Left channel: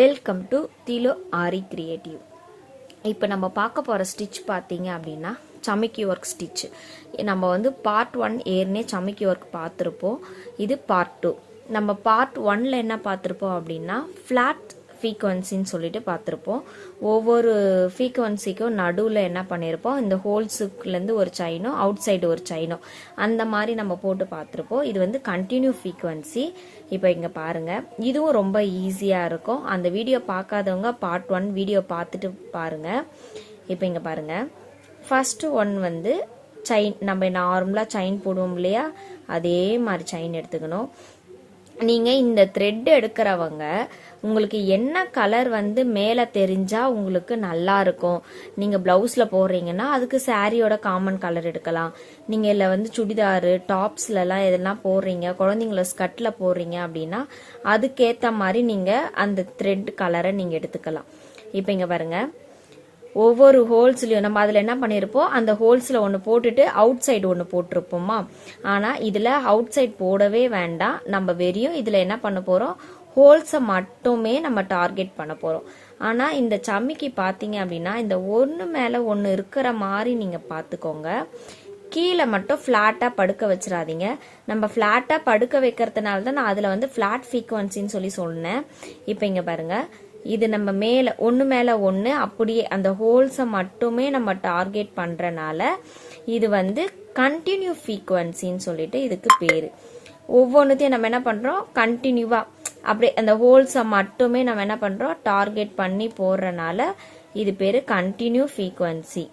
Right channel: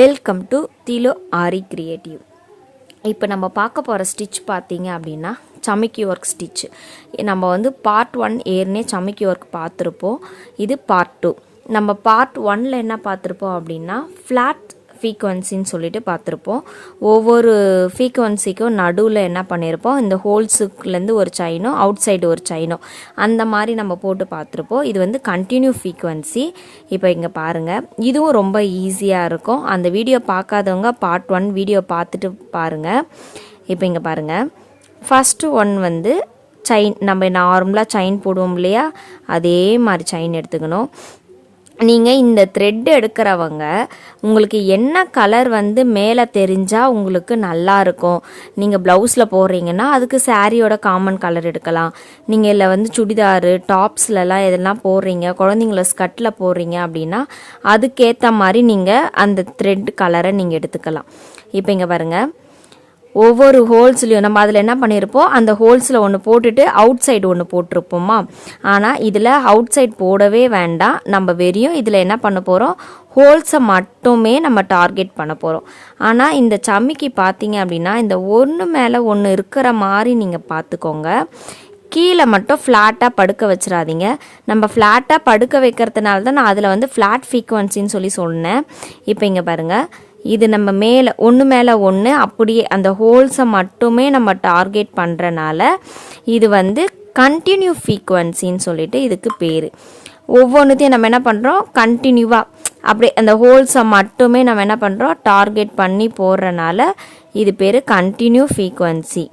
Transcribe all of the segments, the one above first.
Welcome to திலோ aari creative. இப்போ நம்ம பார்க்க போகிற ஸ்டிச் பார்த்தீங்க அப்படின்னா சமிக்கி ஒர்க் ஸ்டிச். நம்ம வந்து பார்ட் 1 ஏற்கனவே சமிக்கி ஒர்க் பார்த்துருப்போம். இது பார்ட் 2. நம்ம பார்ட் 1ல் என்ன பார்த்துருப்போம் அப்படின்னா ஃப்ளாட் ஃப்ரீக்வன்சின்னு சொல்லிட்டு பார்த்துருப்போம். ஒவ்வொரு ஃப்ரீக்வன்சிக்கும் நடுவில் என்ன பண்ணியிருப்போம், இந்த ஹோல்ஸுக்குலேருந்து ஒரு செயினோ அவுட் சைடு ஒரு செயினோ அந்த மாதிரி நம்ம போட்டு பார்த்துருப்போம். இது வந்து கண்டினியூ ஃப்ரீக்வன்சி. இப்போ இங்கே பாருங்கள், இதுவும் ரொம்ப ஈஸியாக இருக்கும். அந்த வீடியோ பார்க்காதவங்க பார்ட் 1 வீடியோ பார்த்துட்டு பாருங்கள். இப்போ இங்கே பாருங்கள், ஃபஸ்ட்டு ஒன் வந்து செயின். நம்ம நார்மலாக செயின் போடுவோம் இல்லையா, அதே மாதிரி செயின் எடுத்துக்கணும். நீங்கள் இந்த த்ரெட் எடுக்கிறவங்க உங்களுக்கு என்ன கலர் வந்து மேலே தெரிஞ்சால் உங்களுக்கு நல்லா இருக்கும். நீங்கள் ப்ளவுஸில் போடுறீங்கன்னா அதுக்கு சாரியோட காமன் கலர் எடுக்கலாம். நீங்கள் இல்லை வந்து சுடிதாரு டாப்ஸ்லலாம் எதெல்லாம் போடுறீங்க, குழந்தைங்கள ஸ்கர்ட்டில் போடுறீங்க அப்படின்னா அதுக்கேற்ற மாதிரி நீங்கள் அந்த த்ரெட் கலரை நீங்கள் எடுத்துக்கலாம். இப்போ இங்கே பாருங்கள், ஒவ்வொரு ஹோல்ஸ்லையும் நம்ம அதில் என்ன பண்ணியிருப்போம், அந்த ஹோல்ஸில் ஒன்று போட்டுட்டு அவுட் சைடு ஒன்று போட்டிருப்போமா. ஆனால் இதில் அவுட் சைட் போடவே வேண்டாம். நம்ம வெறியும் இதில் என்ன பண்ண போகிறோம், ஹோல்ஸை மட்டுமே நம்ம டார்கெட் பண்ண போகிறோம். ஆனால் இந்த சமிக்கி பார்த்தீங்க அப்படின்னா இந்த ஒன்று மேலே ஒன்று இருக்கிற மாதிரி நீங்கள் பார்த்துக்கோங்க. கீழே மட்டும் ஃப்ளாட்டாக படுக்க வச்சிடாதீங்க. நம்ம ஃப்ளாட்டாக படுக்க வைக்கிறதுனால தான் நான் அதில் வந்து ஃப்ளாட் ஃப்ரீக்வன்சின்னு சொல்லி சொன்னேன். இப்போ இங்கே பாருங்கள், இது நம்ம மேலே ஒன்று அப்படியே அந்த ஹோல்ஸை மட்டுமே நம்ம டார்கெட் பண்ணுறனால இது வந்து கண்டினியூ ஃப்ரீக்வன்சின்னு சொல்லிட்டு இதுக்கு பேர். ஒவ்வொன்றுத்தையும் நம்ம என்ன பண்ணுறோம், கண்டினியூவாக அப்படியே அந்த ஹோல்ஸை மட்டுமே நம்ம என்ன பண்ணுறோம் டார்கெட் பண்ணி போடுறனால இது பேர் கண்டினியூ ஃப்ரீக்வன்சி.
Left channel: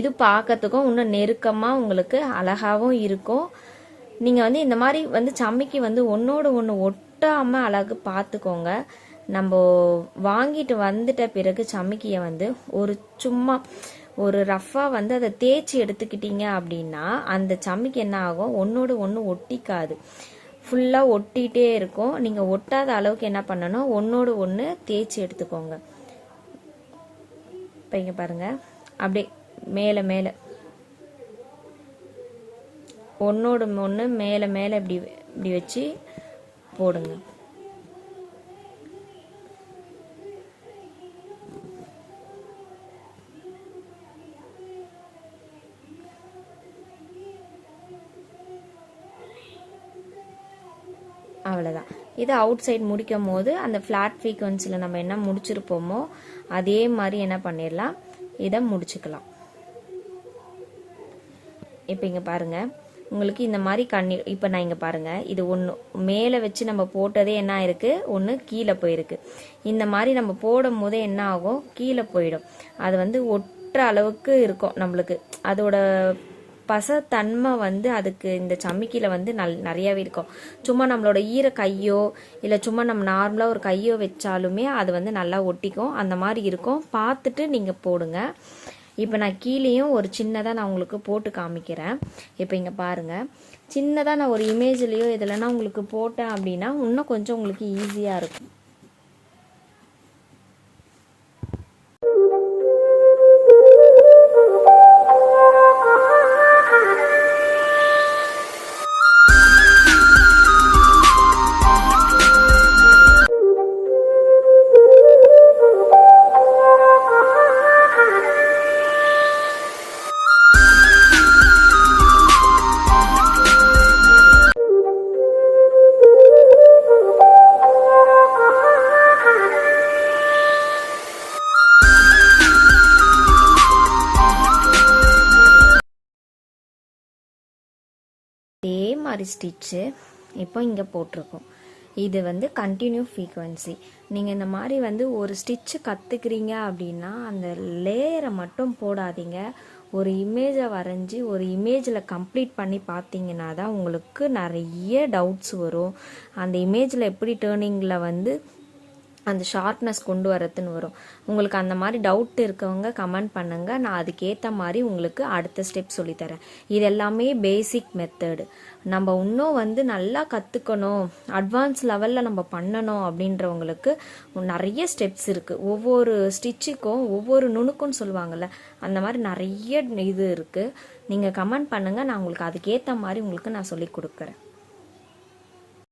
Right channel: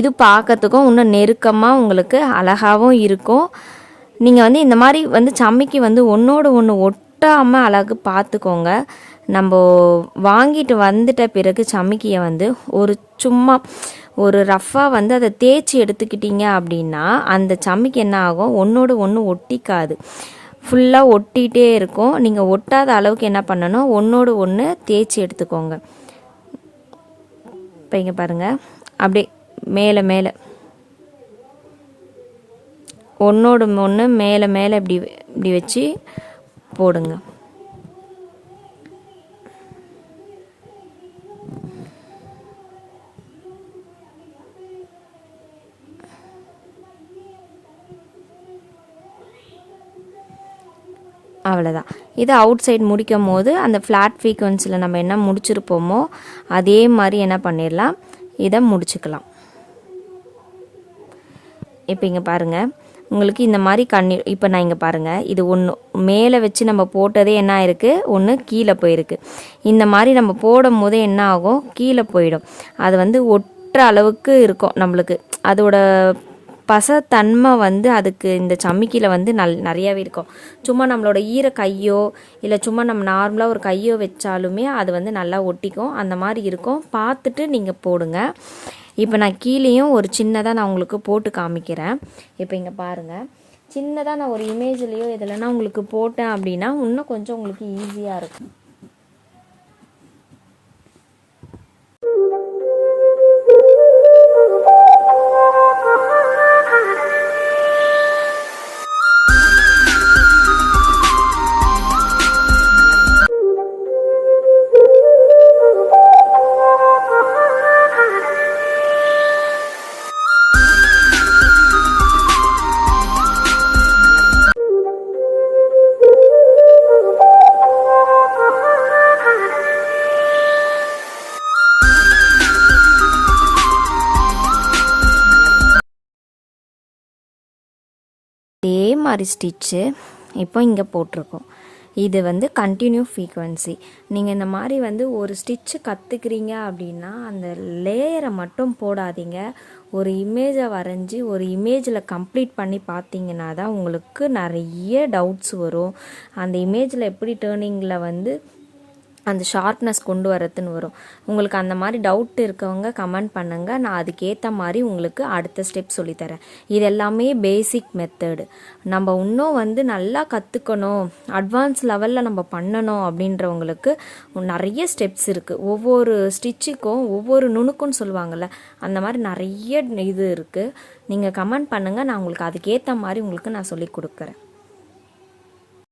இது பார்க்கறதுக்கும் இன்னும் நெருக்கமாக உங்களுக்கு அழகாகவும் இருக்கும். நீங்கள் வந்து இந்த மாதிரி வந்து சமிக்கி வந்து ஒன்றோடு ஒன்று ஒட்டாமல் அழகு பார்த்துக்கோங்க. நம்ம வாங்கிட்டு வந்துட்ட பிறகு சமிக்கியை வந்து சும்மா ஒரு ரஃப்பாக வந்து அதை தேய்ச்சி எடுத்துக்கிட்டீங்க அப்படின்னா அந்த சமிக்கி என்ன ஆகும், ஒன்றோடு ஒன்று ஒட்டிக்காது, ஃபுல்லாக ஒட்டிகிட்டே இருக்கும். நீங்கள் ஒட்டாத அளவுக்கு என்ன பண்ணணும், ஒன்றோடு ஒன்று தேய்ச்சி எடுத்துக்கோங்க. இப்போ இங்கே பாருங்கள், அப்படியே மேலே மேலே ஒன்றோடு ஒன்று மேலே மேலே இப்படி வச்சு போடுங்க. அவ்வளோதான். இது அவுட் சைடு முடிக்கும் போது அந்த ஃப்ளாட் ஃப்ரீக்வன்சியில் நம்ம என்ன முடிச்சிருப்போமோ அதே மாதிரி என்ன பண்ணிடலாம், இதை முடிச்சுக்கலாம். இப்போ இங்கே பாருங்கள், உங்களுக்கு இந்த மாதிரி இப்போ நான் இங்கே பாருங்கள், இது ஒன்று மேலே வச்சு நம்ம போட்டதே என்ன ஆயிருக்கு, ஒன்று கீழே போயிருக்கு. இந்த மாதிரி நம்ம போடும் போதே என்ன ஆகும், கீழே போயிடும். அது வந்து ஒட்டுற அளவுக்கு இருக்கும் நம்மளுக்கு. அதோட பசத்தன்மை வந்து அதுக்கு இந்த சமிக்கியில் வந்து நிறையாவே இருக்கும். சும்மா நம்மளோட ஈர கையோ இல்லை சும்மா நம்ம நார்மலாக ஒரு கையோ வச்சாலுமே அது வந்து நல்லா ஒட்டிக்கும். அந்த மாதிரி இருக்கும், பார்த்துட்டு நீங்கள் போடுங்க. இப்போ நான் கீழேயும் ஒரு சின்னதாக நான் உங்களுக்கு போட்டு காமிக்கிறேன். இப்போ இங்கே பாருங்கள், சின்னதாக நான் ஒரு இமேஜ்லேயோ இதில்னா உங்களுக்கு போட்டேன் அப்படின்னா இன்னும் கொஞ்சம் உங்களுக்கு ஈஸியாக இருக்கும். அதே மாதிரி ஸ்டிச்சு இப்போ இங்கே போட்டிருக்கோம். இது வந்து கண்டினியூ ஃப்ரீக்வன்சி. நீங்கள் இந்த மாதிரி வந்து ஒரு ஸ்டிச்சு கற்றுக்குறீங்க அப்படின்னா அந்த லேயரை மட்டும் போடாதீங்க. ஒரு இமேஜை வரைஞ்சி ஒரு இமேஜில் கம்ப்ளீட் பண்ணி பார்த்தீங்கன்னா தான் உங்களுக்கு நிறைய டவுட்ஸ் வரும். அந்த இமேஜில் எப்படி டேர்னிங்கில் வந்து அந்த ஷார்ப்னஸ் கொண்டு வரதுன்னு வரும். உங்களுக்கு அந்த மாதிரி டவுட் இருக்கவங்க கமெண்ட் பண்ணுங்கள், நான் அதுக்கேற்ற மாதிரி உங்களுக்கு அடுத்த ஸ்டெப் சொல்லித்தரேன். இது எல்லாமே பேசிக் மெத்தடு. நம்ம இன்னும் வந்து நல்லா கற்றுக்கணும், அட்வான்ஸ் லெவலில் நம்ம பண்ணணும் அப்படின்றவங்களுக்கு நிறைய ஸ்டெப்ஸ் இருக்குது. ஒவ்வொரு ஸ்டிச்சுக்கும் ஒவ்வொரு நுணுக்குன்னு சொல்லுவாங்கள்ல, அந்த மாதிரி நிறைய இது இருக்குது. நீங்கள் கமெண்ட் பண்ணுங்கள், நான் உங்களுக்கு அதுக்கேற்ற மாதிரி உங்களுக்கு நான் சொல்லி கொடுக்குறேன்.